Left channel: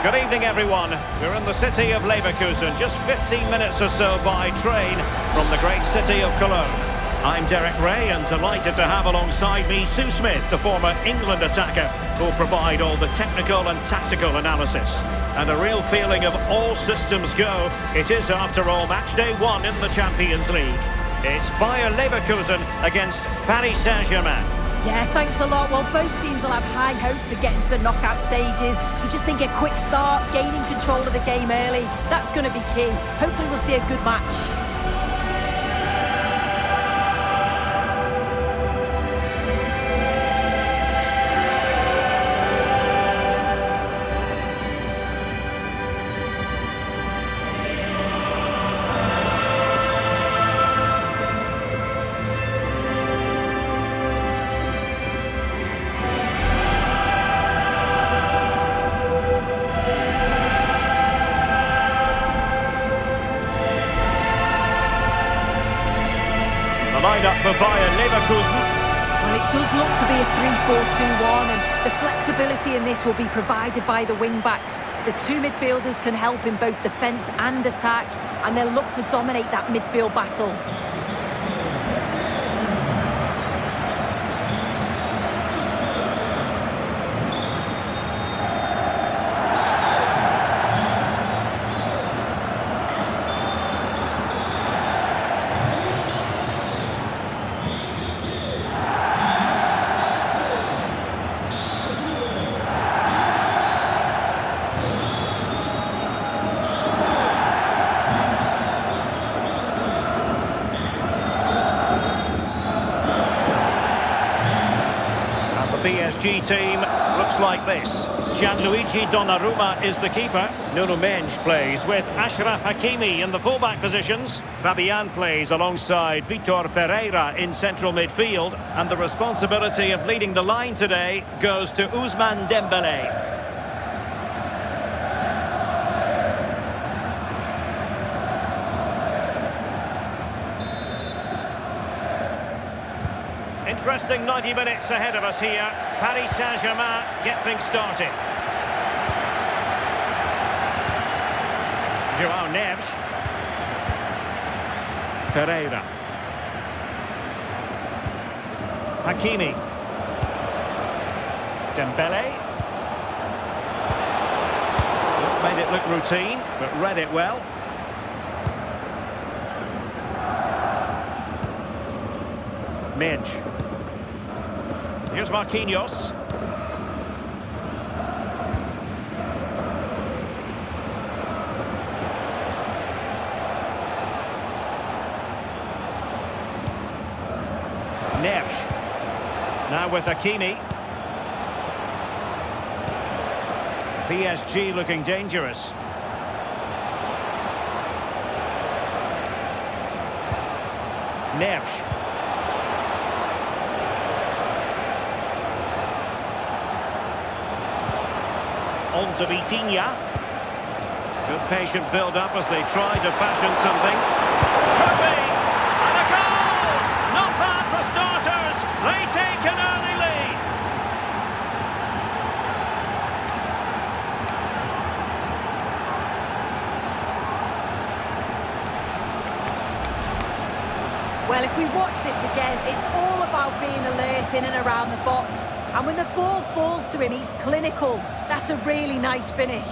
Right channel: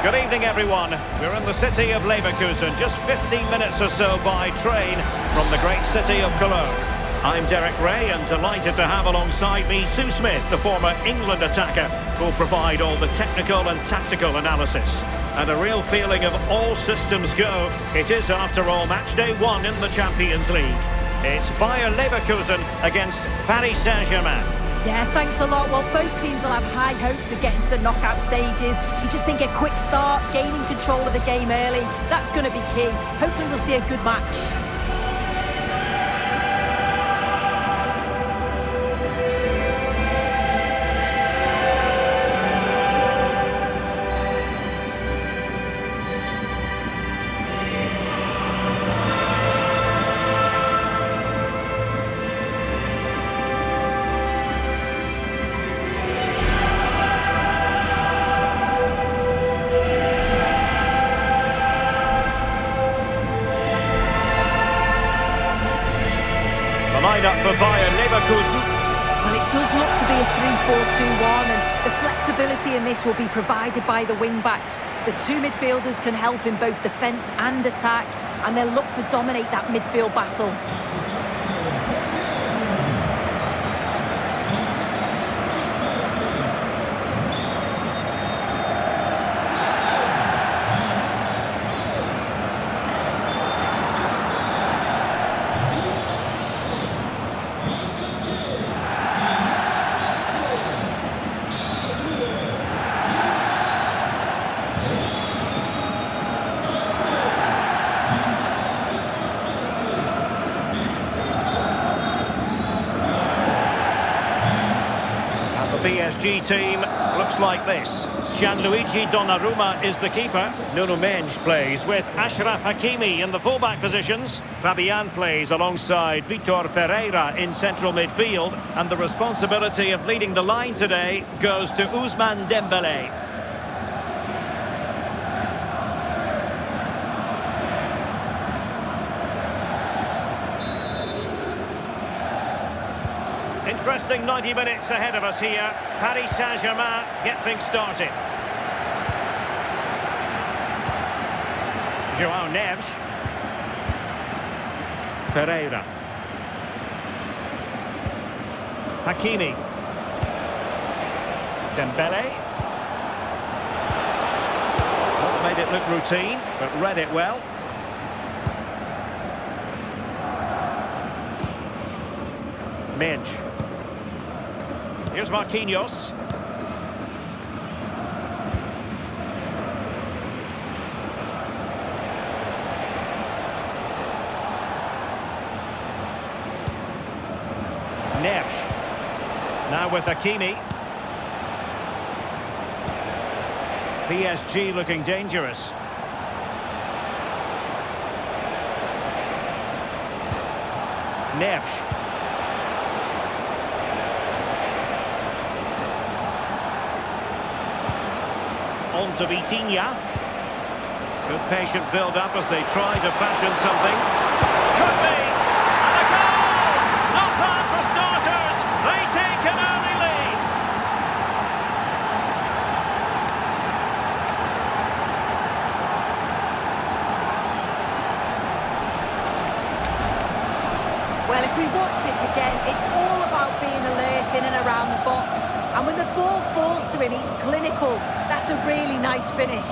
Good evening, everyone. We're in the city of Leverkusen, just 15 minutes or so by train from the great city of Cologne. I'm Derek Ray and delighted to have alongside me Sue Smith, the former England attacker, who'll provide all the technical and tactical analysis. And a real feeling of all systems go. It is, after all, match day 1 in the Champions League. It's Bayer Leverkusen against Paris Saint-Germain. Yeah, thanks a lot. Well, both teams will have high hopes of getting to the knockout stages. You just think a quick start, gaining control of the game early, that's going to be key. Hopefully we'll see a good match. The lineup for Bayer Leverkusen. Well, it does look to be a 3-4-2-1, and the flexibility in this will be provided by the wing-backs. The two midfielders can help in both defence and attack, and they'll look to dominate that midfield battle. The PSG team looks like this. Gianluigi Donnarumma is the keeper. Nuno Mendes plays with Achraf Hakimi in the fullback positions. Fabian plays alongside Vitor Ferreira in central midfield. And the responsibility of leading the line today goes to Ousmane Dembélé. Interesting 90 minutes ahead of us here. Paris Saint-Germain get things started. João Neves. Ferreira. Hakimi. Dembélé. Not made it look routine, but read it well. Mendes. Here's Marquinhos. Neves. Now with Hakimi. PSG looking dangerous. Neves. On to Vitinha. Good patient build-up as they try to fashion something. Could be! And a goal! Not bad for starters. They take an early lead. Well, if we watch this again, it's all about being alert in and around the box. And when the ball falls to him, he's clinical. That's a really nice finish.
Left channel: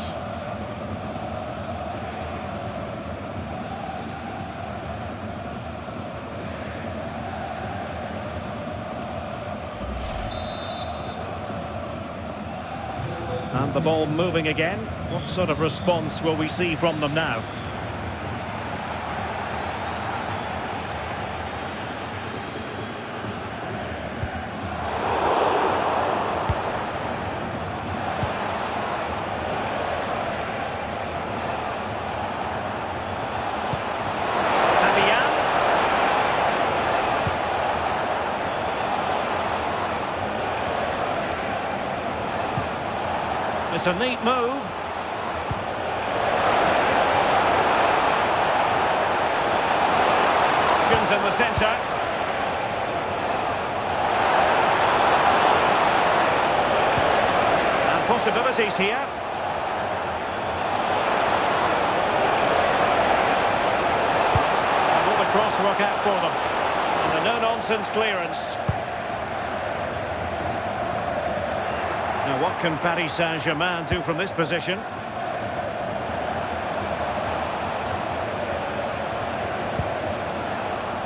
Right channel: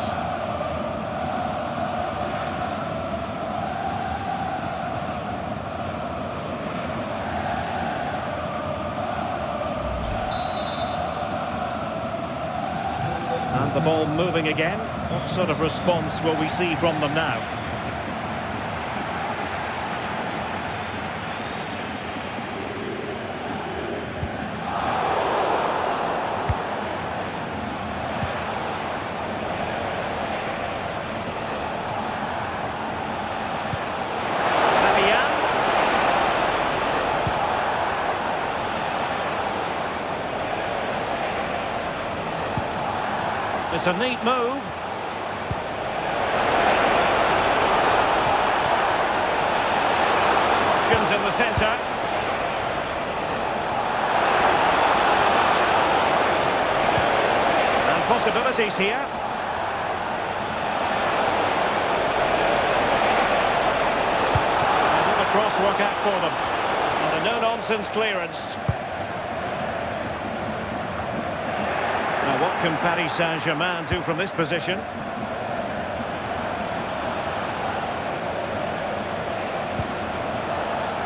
And the ball moving again. What sort of response will we see from them now? It's a neat move. Options in the centre. And possibilities here. cross work out for them. And a no-nonsense clearance. Now what can Paris Saint-Germain do from this position?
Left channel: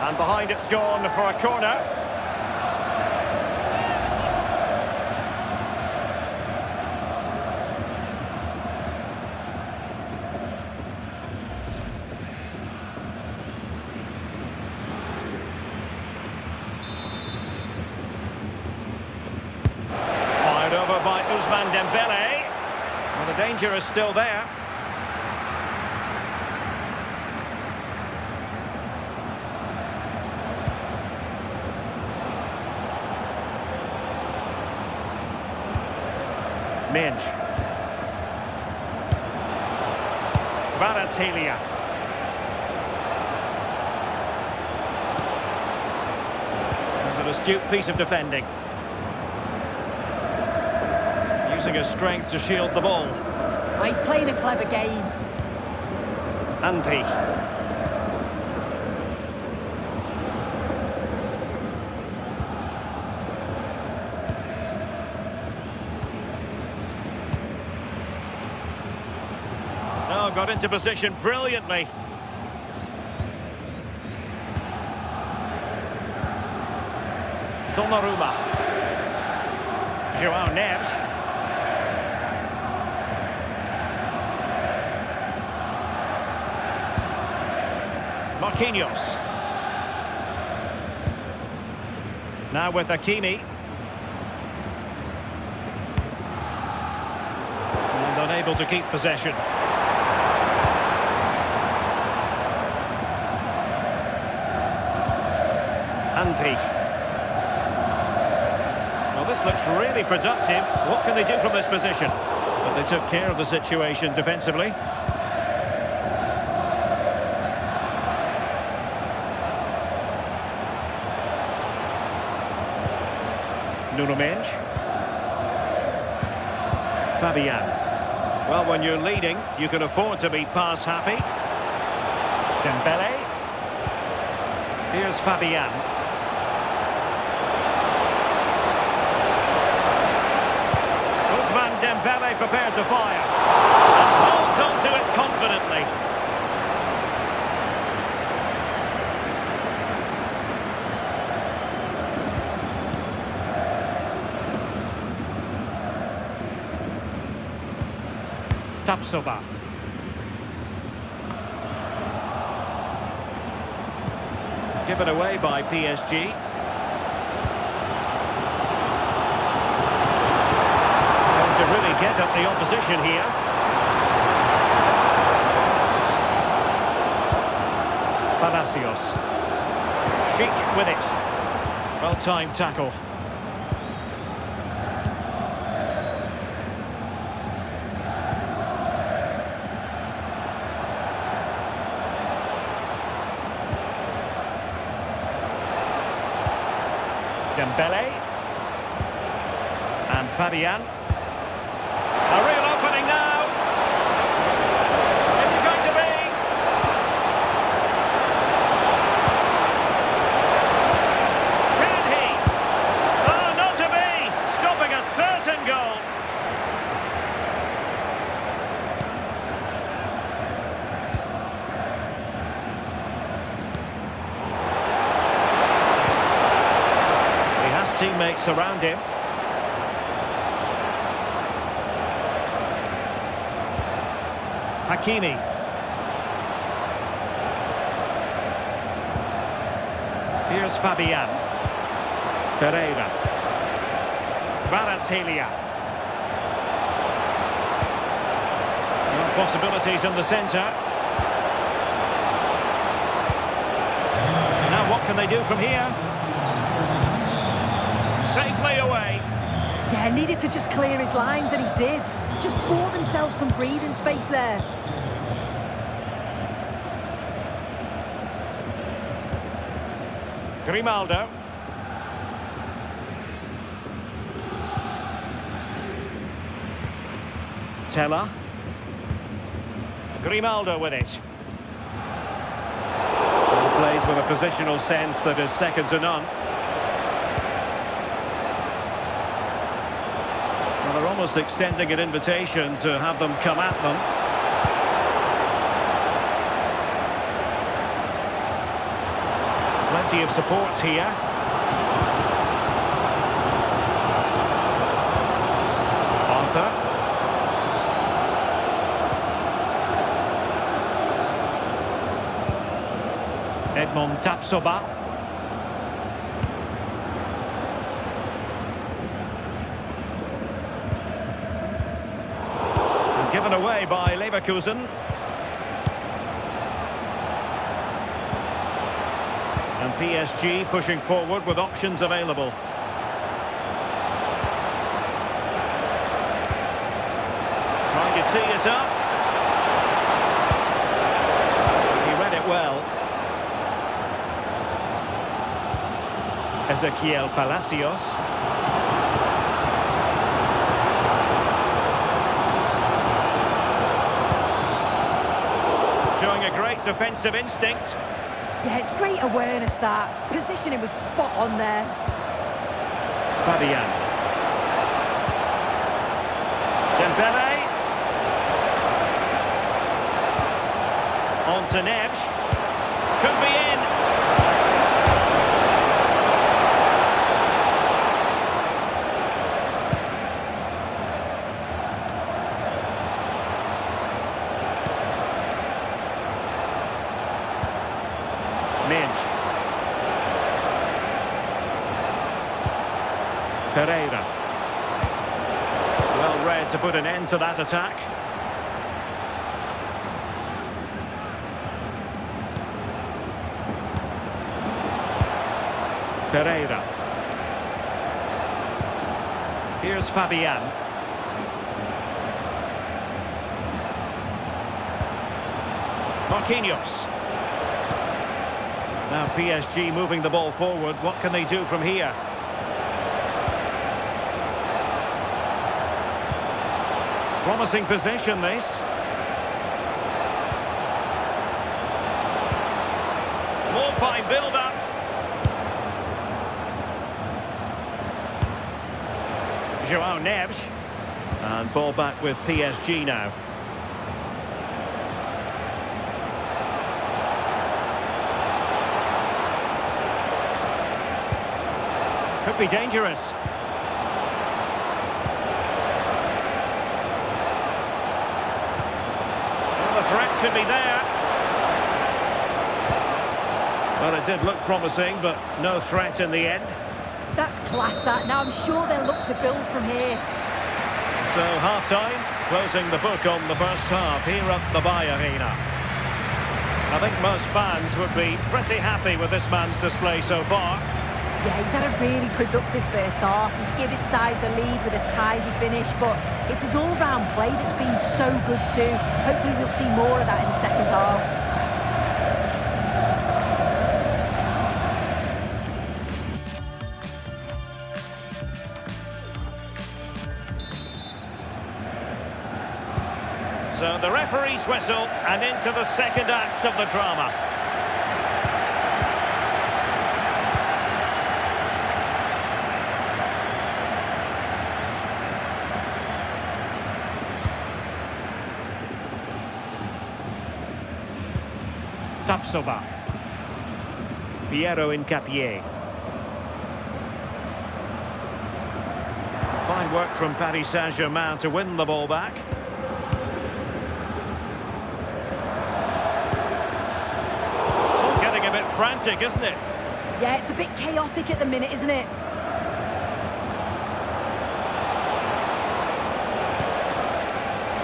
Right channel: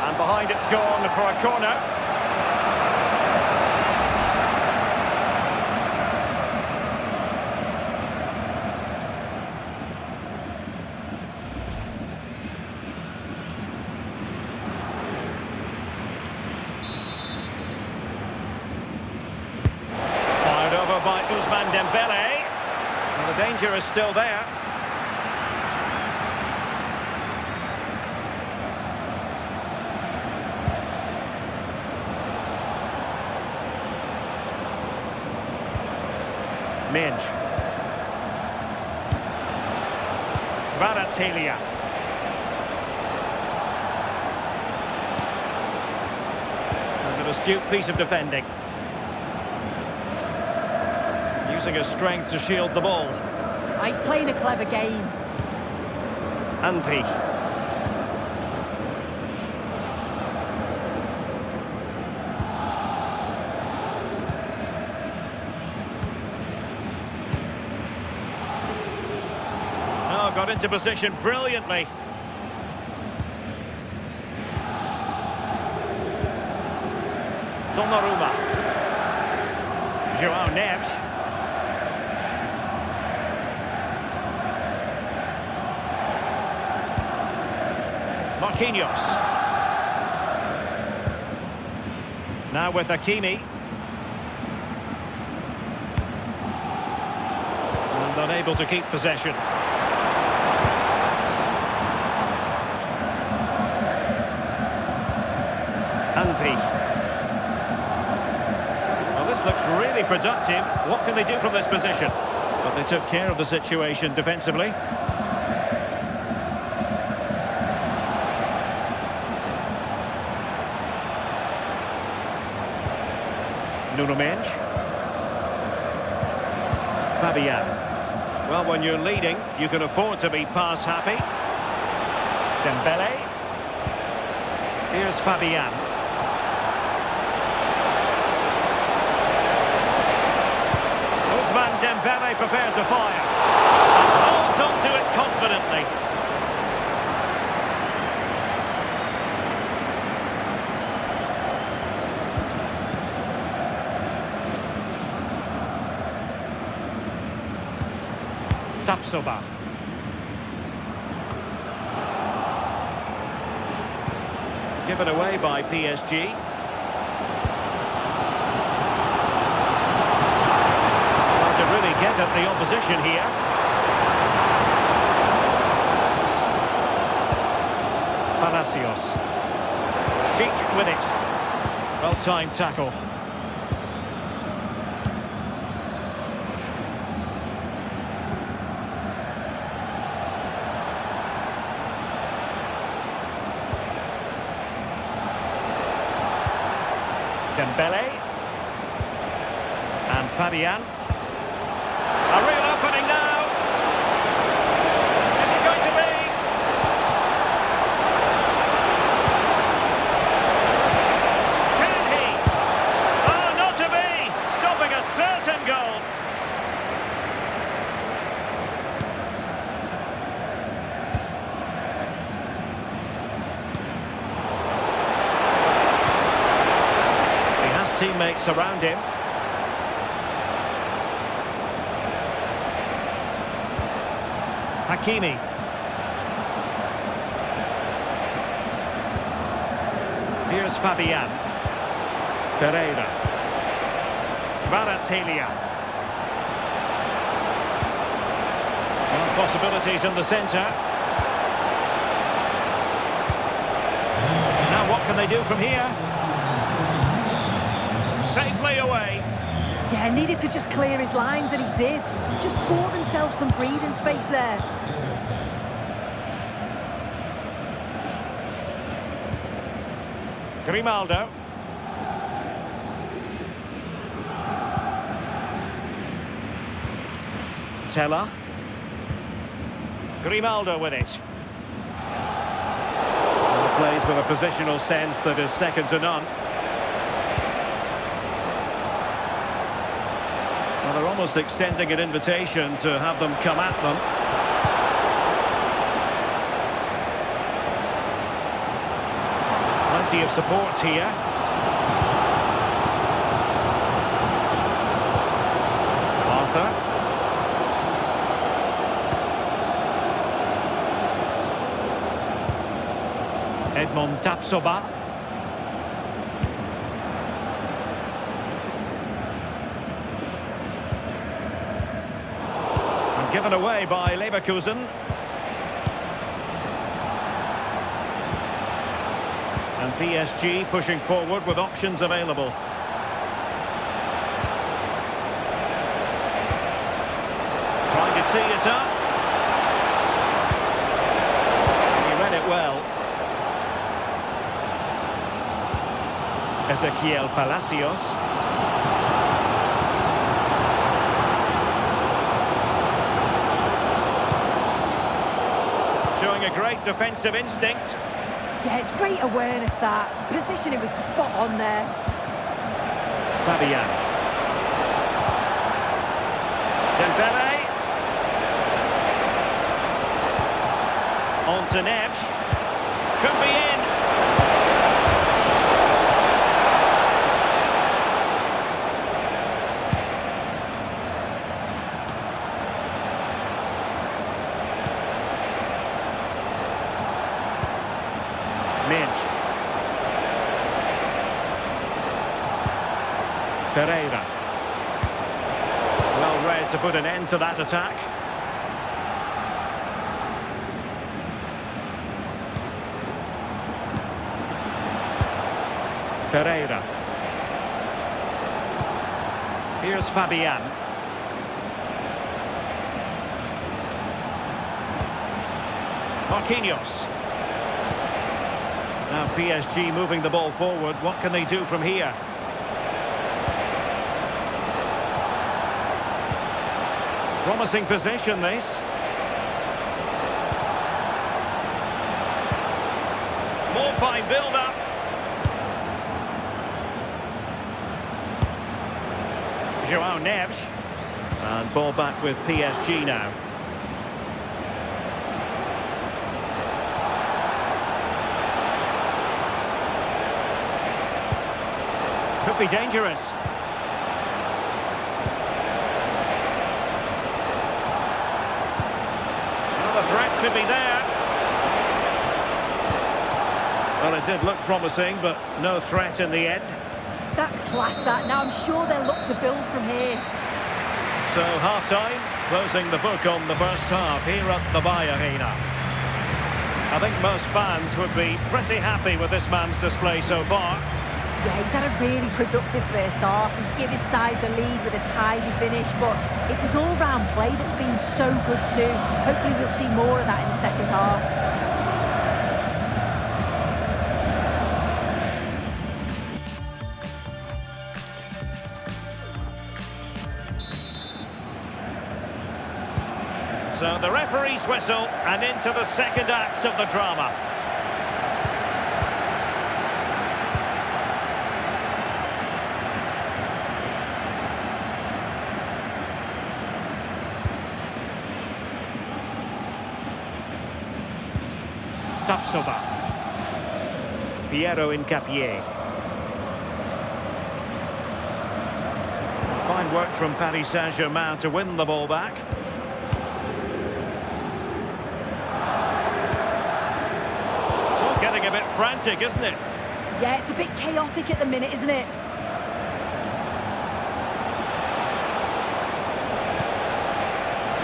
And behind it's gone for a corner. Fired over by Ousmane Dembele. Well, the danger is still there. Minge. Kvaratskhelia. And an astute piece of defending. Using his strength to shield the ball. Oh, he's playing a clever game. Andri. Oh, got into position brilliantly. Donnarumma. João Neves. Marquinhos. Now with Hakimi. And unable to keep possession. Andri. Well, this looks really productive. What can they do from this position? But they took care of the situation defensively. Nuno Mendes. Fabian. Well, when you're leading, you can afford to be pass happy. Dembele. Here's Fabian. Ousmane Dembele prepared to fire. And holds on to it confidently. Tapsoba. Given away by PSG. Going to really get at the opposition here. Palacios. Sheik with it. Well-timed tackle. Dembele. And Fabian. A real opening now. Is it going to be? Can he? Oh, not to be. Stopping a certain goal. Teammates around him. Hakimi. Here's Fabian. Ferreira. Kvaratskhelia. No possibilities in the centre. Now what can they do from here? Safely away. Yeah, needed to just clear his lines, and he did. Just bought themselves some breathing space there. Grimaldo. Tella. Grimaldo with it. Plays with a positional sense that is second to none. Well, they're almost extending an invitation to have them come at them. Plenty of support here. Arthur. Edmond Tapsoba. And given away by Leverkusen. And PSG pushing forward with options available. Trying to tee it up. And he read it well. Ezequiel Palacios. Showing a great defensive instinct. Yeah, it's great awareness, that. Positioning was spot on there. Fabian. Dembele. On to Neves. Could be in. Minch. Ferreira. Well read to put an end to that attack. Ferreira. Here's Fabian. Marquinhos. Now PSG moving the ball forward. What can they do from here? Promising position, this. More fine build-up. João Neves. And ball back with PSG now. Could be dangerous. Well, the threat could be there. Well, it did look promising, but no threat in the end. That's class, that. Now I'm sure they'll look to build from here. So, half-time, closing the book on the first half here at the Arena. I think most fans would be pretty happy with this man's display so far. Yeah, he's had a really productive first half and give his side the lead with a tidy finish, but it's his all-round play that's been so good too. Hopefully we'll see more of that in the second half. So the referee's whistle and into the second act of the drama. Tapsoba. Piero Incapié. Fine work from Paris Saint-Germain to win the ball back. It's all getting a bit frantic, isn't it? Yeah, it's a bit chaotic at the minute, isn't it?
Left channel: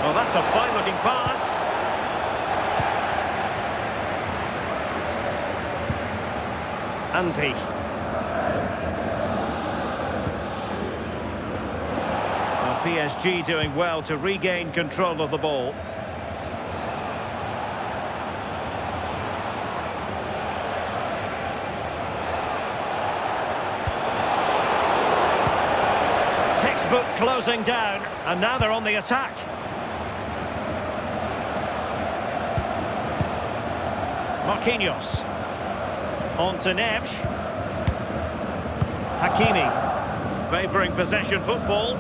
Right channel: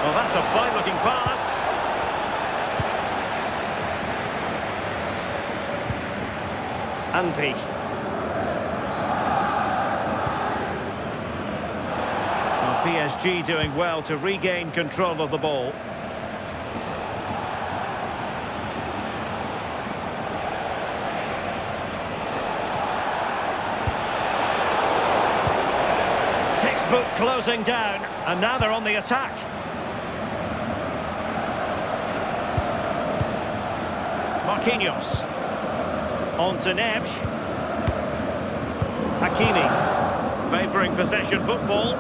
Oh, that's a fine-looking pass. Andri. Well, PSG doing well to regain control of the ball. Textbook closing down, and now they're on the attack. Marquinhos. On to Neves. Hakimi. Favouring possession football.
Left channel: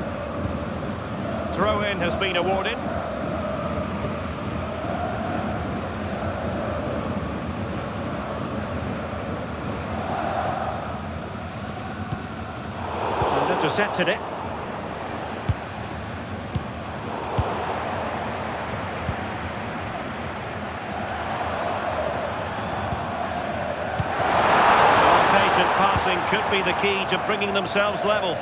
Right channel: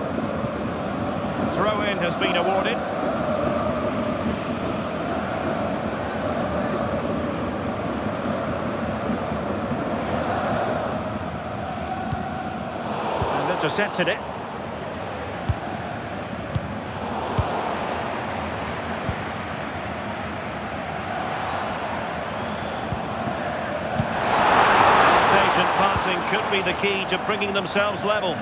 Throw-in has been awarded. And intercepted it. Patient passing could be the key to bringing themselves level.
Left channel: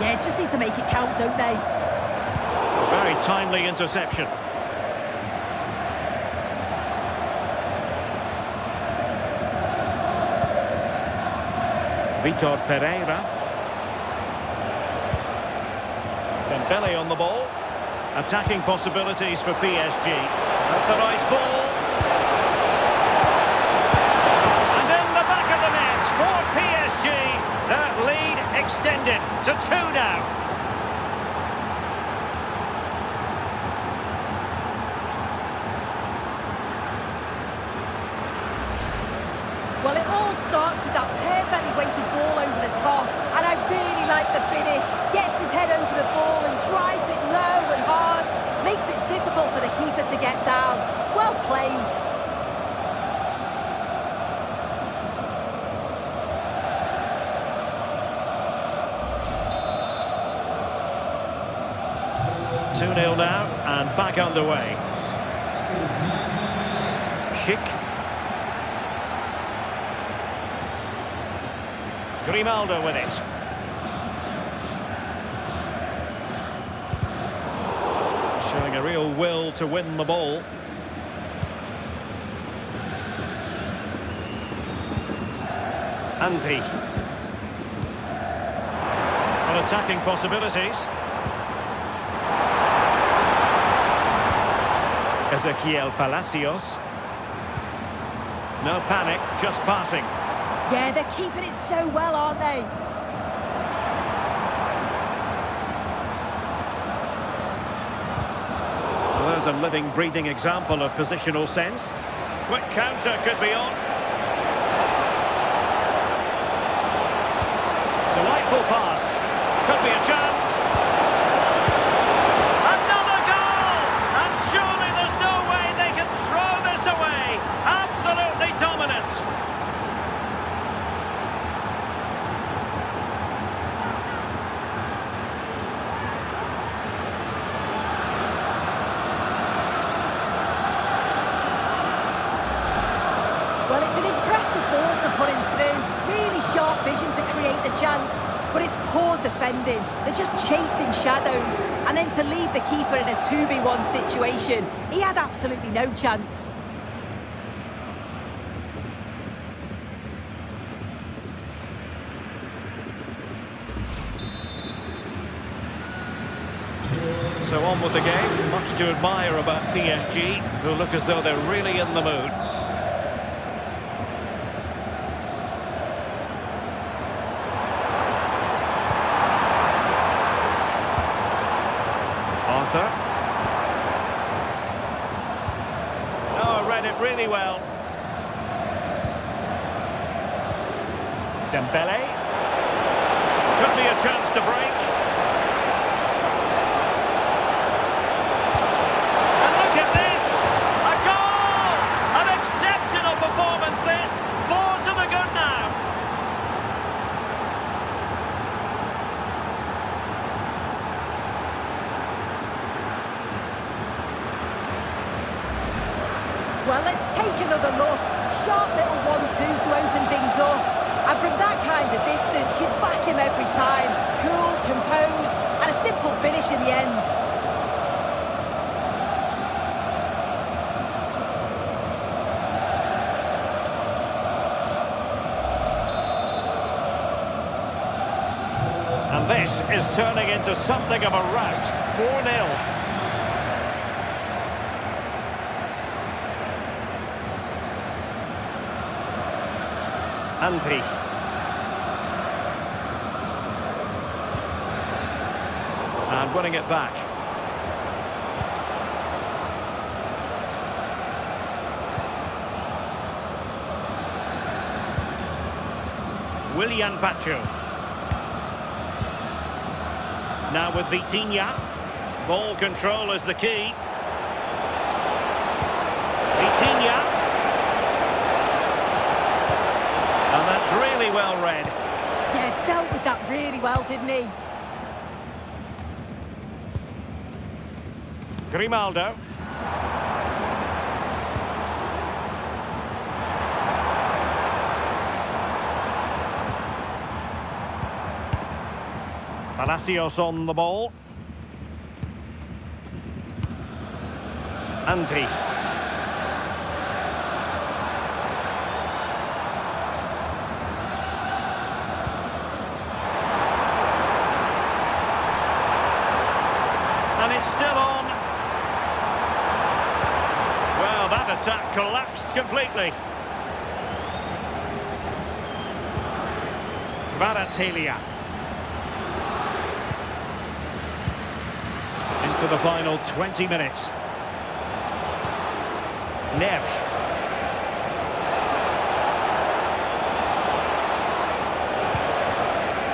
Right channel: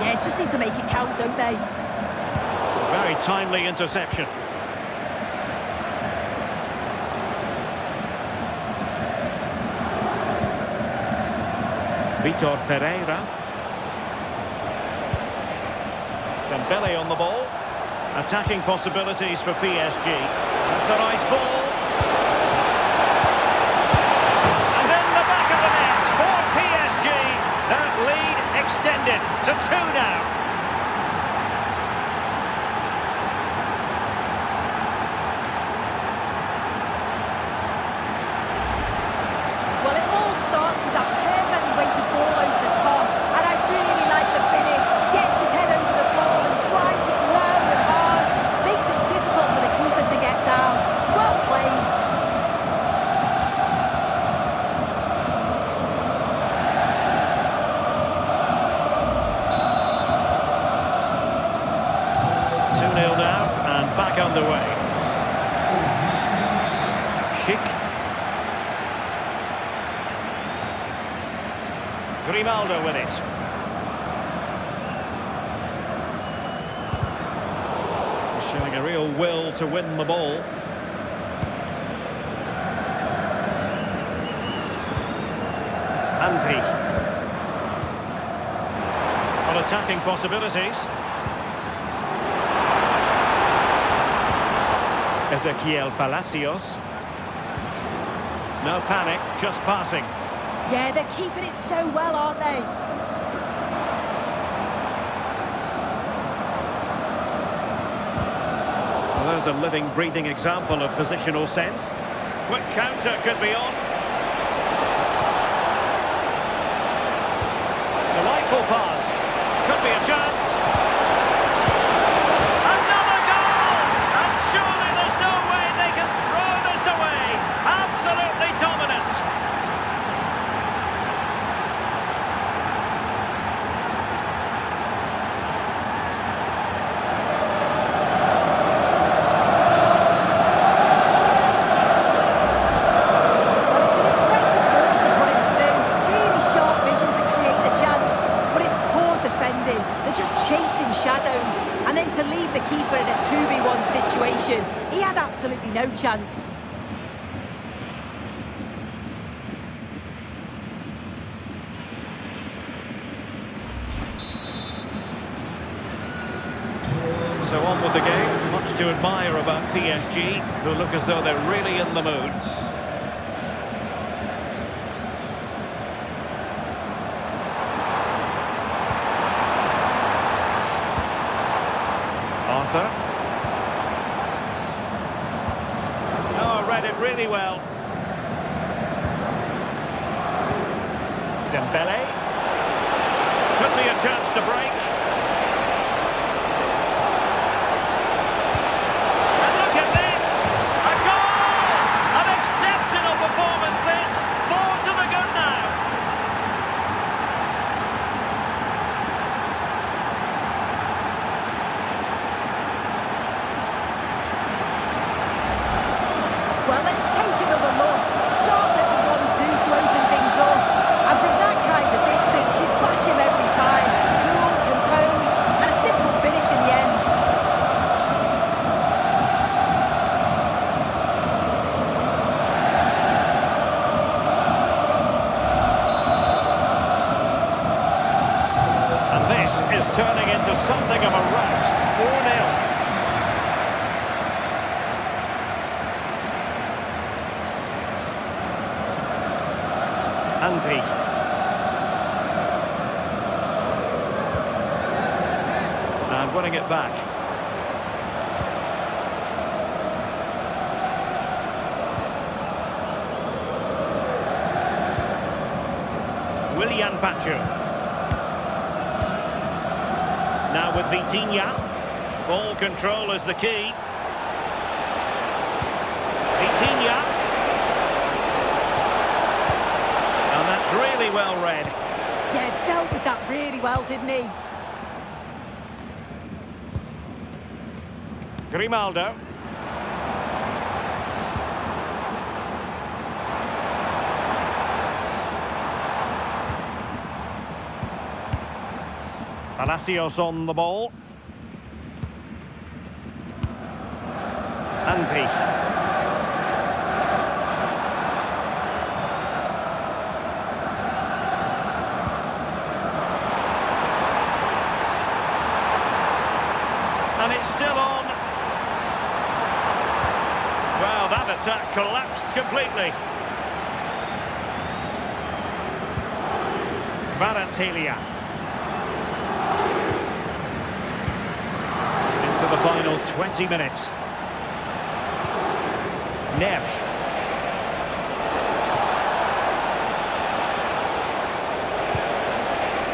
Yeah, just need to make it count, don't they? A very timely interception. Vitor Ferreira. Dembele on the ball. Attacking possibilities for PSG. That's a nice ball. And in the back of the net for PSG. That lead extended to 2 now. Well, it all starts with that perfectly weighted ball over the top, and I really like the finish. Gets his head over the ball and drives it low and hard. Makes it difficult for the keeper to get down. Well played. Two-nil now, and back underway. Schick. Grimaldo with it. Showing a real will to win the ball. Andy. On attacking possibilities. Ezequiel Palacios. No panic, just passing. Yeah, they're keeping it so well, aren't they? Well, there's a living, breathing example of positional sense. Quick counter could be on. Delightful pass. Could be a chance. Another goal! And surely there's no way they can throw this away. Absolutely dominant. Defending. They're just chasing shadows, and then to leave the keeper in a 2v1 situation, he had absolutely no chance. So on with the game. Much to admire about PSG, who look as though they're really in the mood. Arthur. Oh, read it really well. Dembele. Could be a chance to break. And look at this! A goal! An exceptional performance this. 4 to the good now. Well, let's take another look. Sharp little 1-2 to open things up. And from that kind of distance, you'd back him every time. Cool, composed, and a simple finish in the end. And this is turning into something of a rout. 4-0. Andri. And winning it back. Willian Pacho. Now with Vitinha. Ball control is the key. Vitinha. And that's really well read. Yeah, dealt with that really well, didn't he? Grimaldo. Palacios on the ball. Andri. And it's still on. Well, that attack collapsed completely. Kvaratskhelia. Into the final 20 minutes. Neves.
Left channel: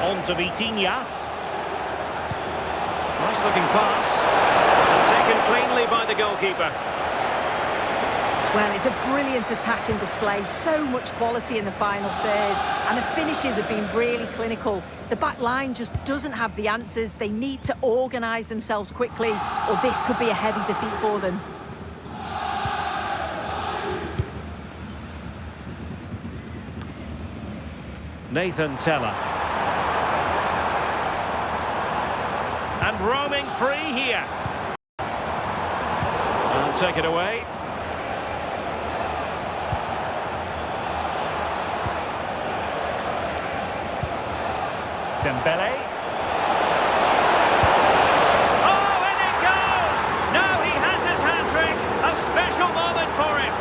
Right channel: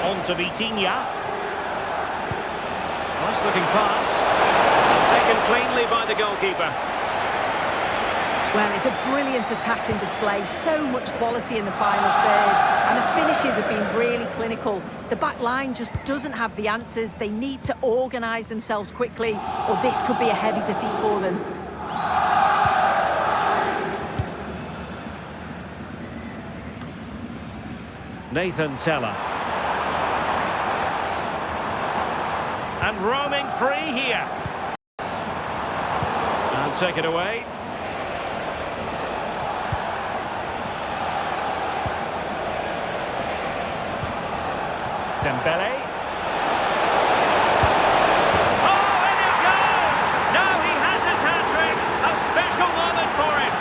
On to Vitinha. Nice looking pass. And taken cleanly by the goalkeeper. Well, it's a brilliant attacking display. So much quality in the final third. And the finishes have been really clinical. The back line just doesn't have the answers. They need to organise themselves quickly, or this could be a heavy defeat for them. Nathan Teller. And roaming free here. And take it away. Dembele. Oh, and it goes! Now he has his hat-trick. A special moment for him.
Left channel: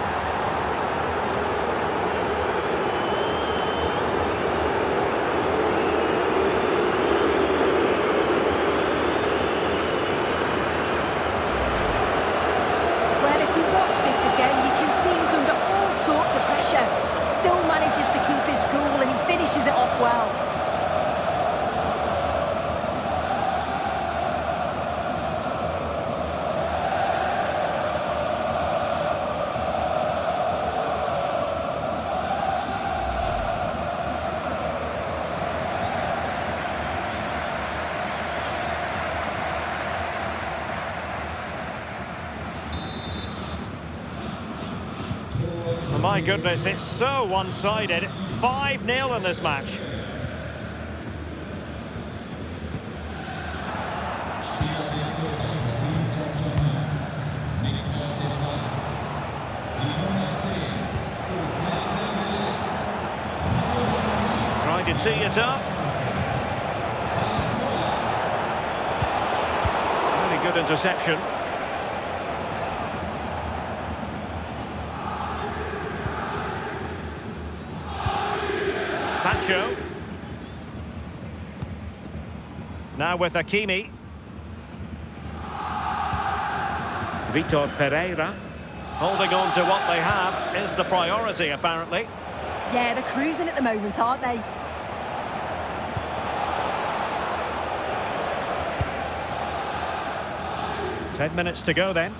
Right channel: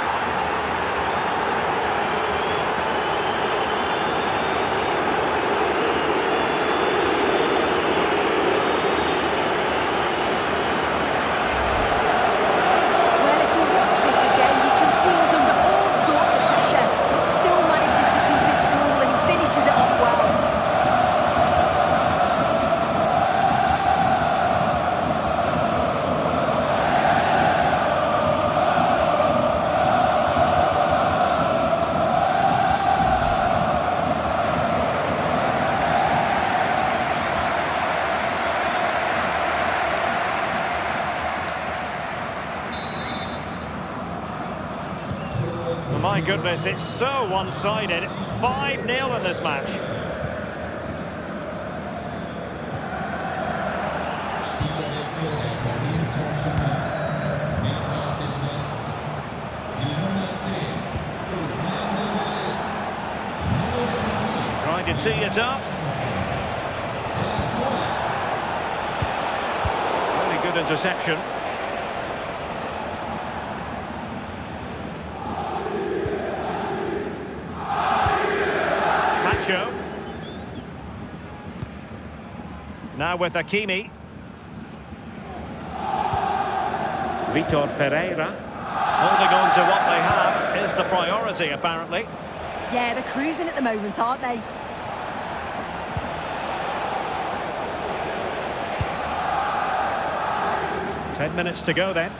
Well, if you watch this again, you can see he's under all sorts of pressure, but still manages to keep his cool, and he finishes it off well. Oh, my goodness, it's so one-sided. 5-0 in this match. Trying to tee it up. Really good interception. Pacho. Now with Hakimi. Vitor Ferreira. Holding on to what they have is the priority, apparently. Yeah, they're cruising at the moment, aren't they? Ten minutes to go then.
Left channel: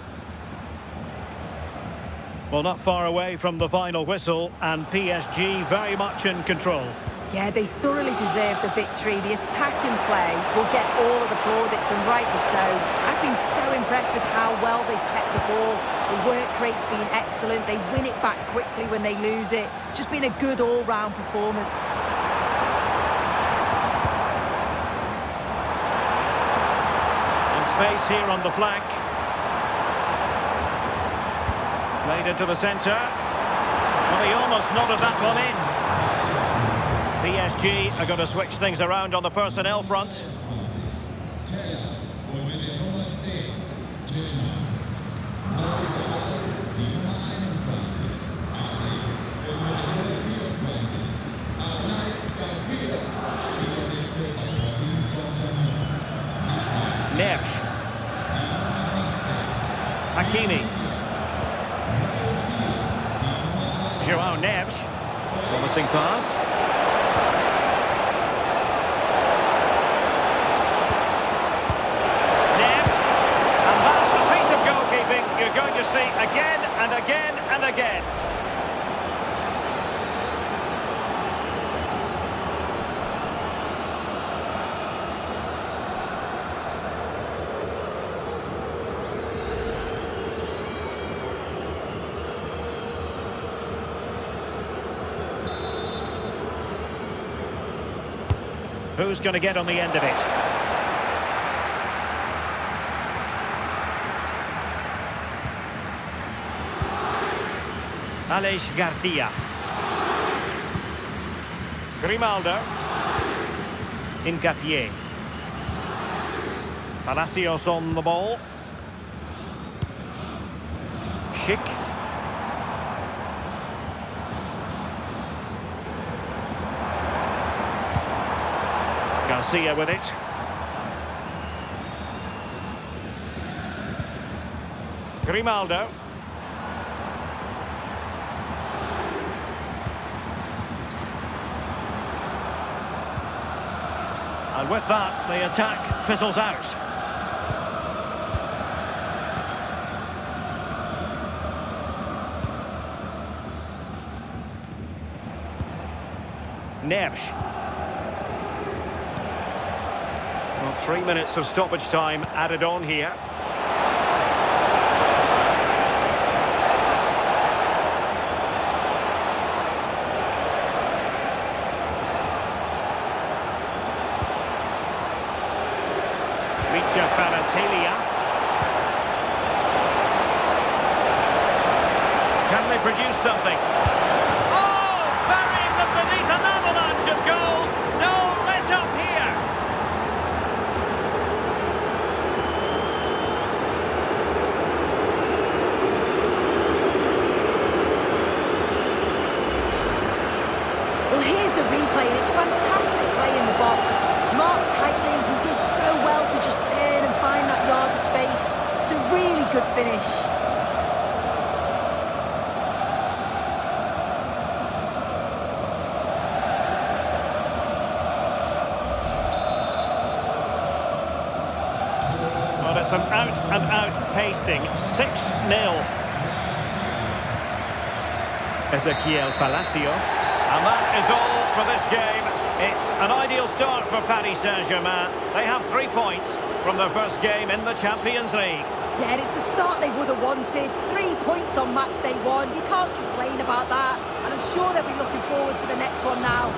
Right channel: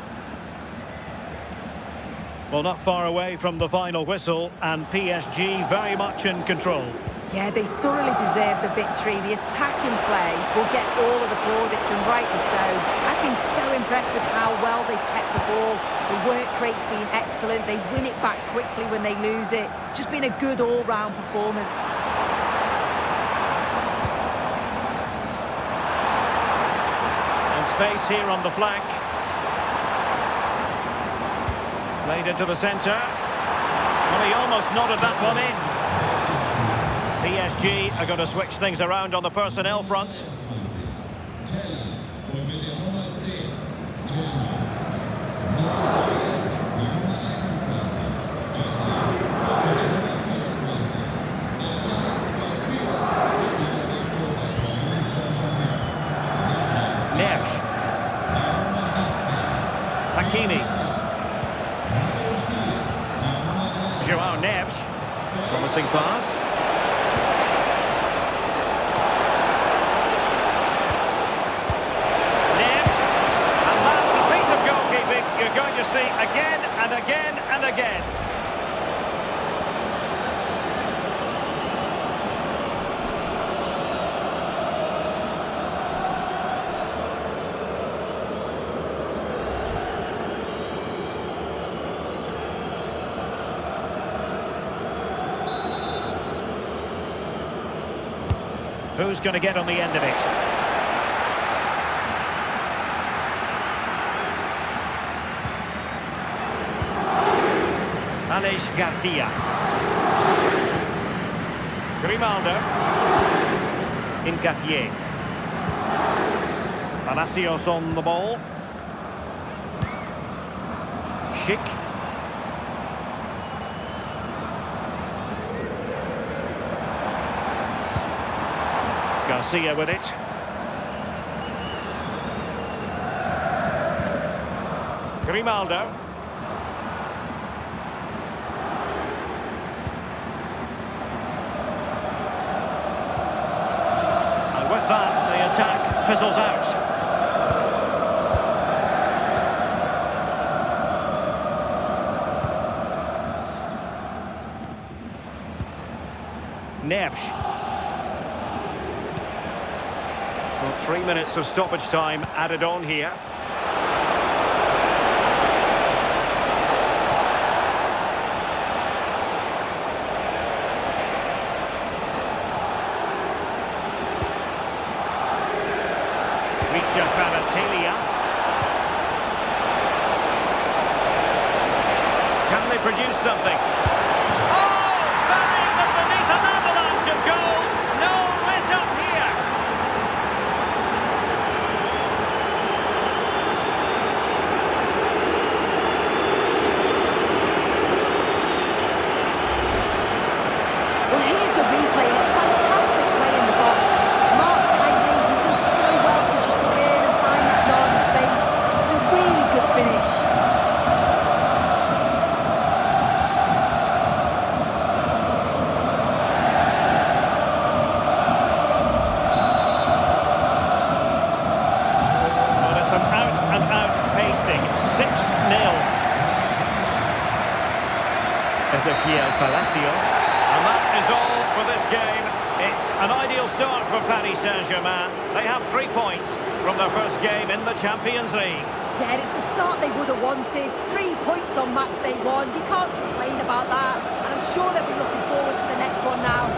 Well, not far away from the final whistle, and PSG very much in control. Yeah, they thoroughly deserve the victory. The attacking play will get all of the plaudits, and rightly so. I've been so impressed with how well they've kept the ball. The work rate's been excellent. They win it back quickly when they lose it. Just been a good all-round performance. And space here on the flank. Played into the centre. Well, he almost nodded that one in. PSG are going to switch things around on the personnel front. Neves. Hakimi. João Neves. Promising pass. you're going to see again and again and again. Who's going to get on the end of it? Aleix Garcia. Grimaldo. Hincapié. Palacios on the ball. Schick. Garcia with it. Grimaldo. And with that, the attack fizzles out. Neves. Well, 3 minutes of stoppage time added on here. Micha Kvaratskhelia. Can they produce something? Oh! Burying them beneath an avalanche of goals! No let up here! Well, here's the replay, and it's fantastic play in the box. Marked tightly, he does so well to just turn and find that yard of space. It's a really good finish. Well, it's an out-and-out pasting. 6-0. Ezequiel Palacios. And that is all for this game. It's an ideal start for Paris Saint-Germain. They have 3 points from their first game in the Champions League. Yeah, it's the start they would have wanted. 3 points on match day 1. You can't complain about that. And I'm sure they'll be looking forward to the next one now.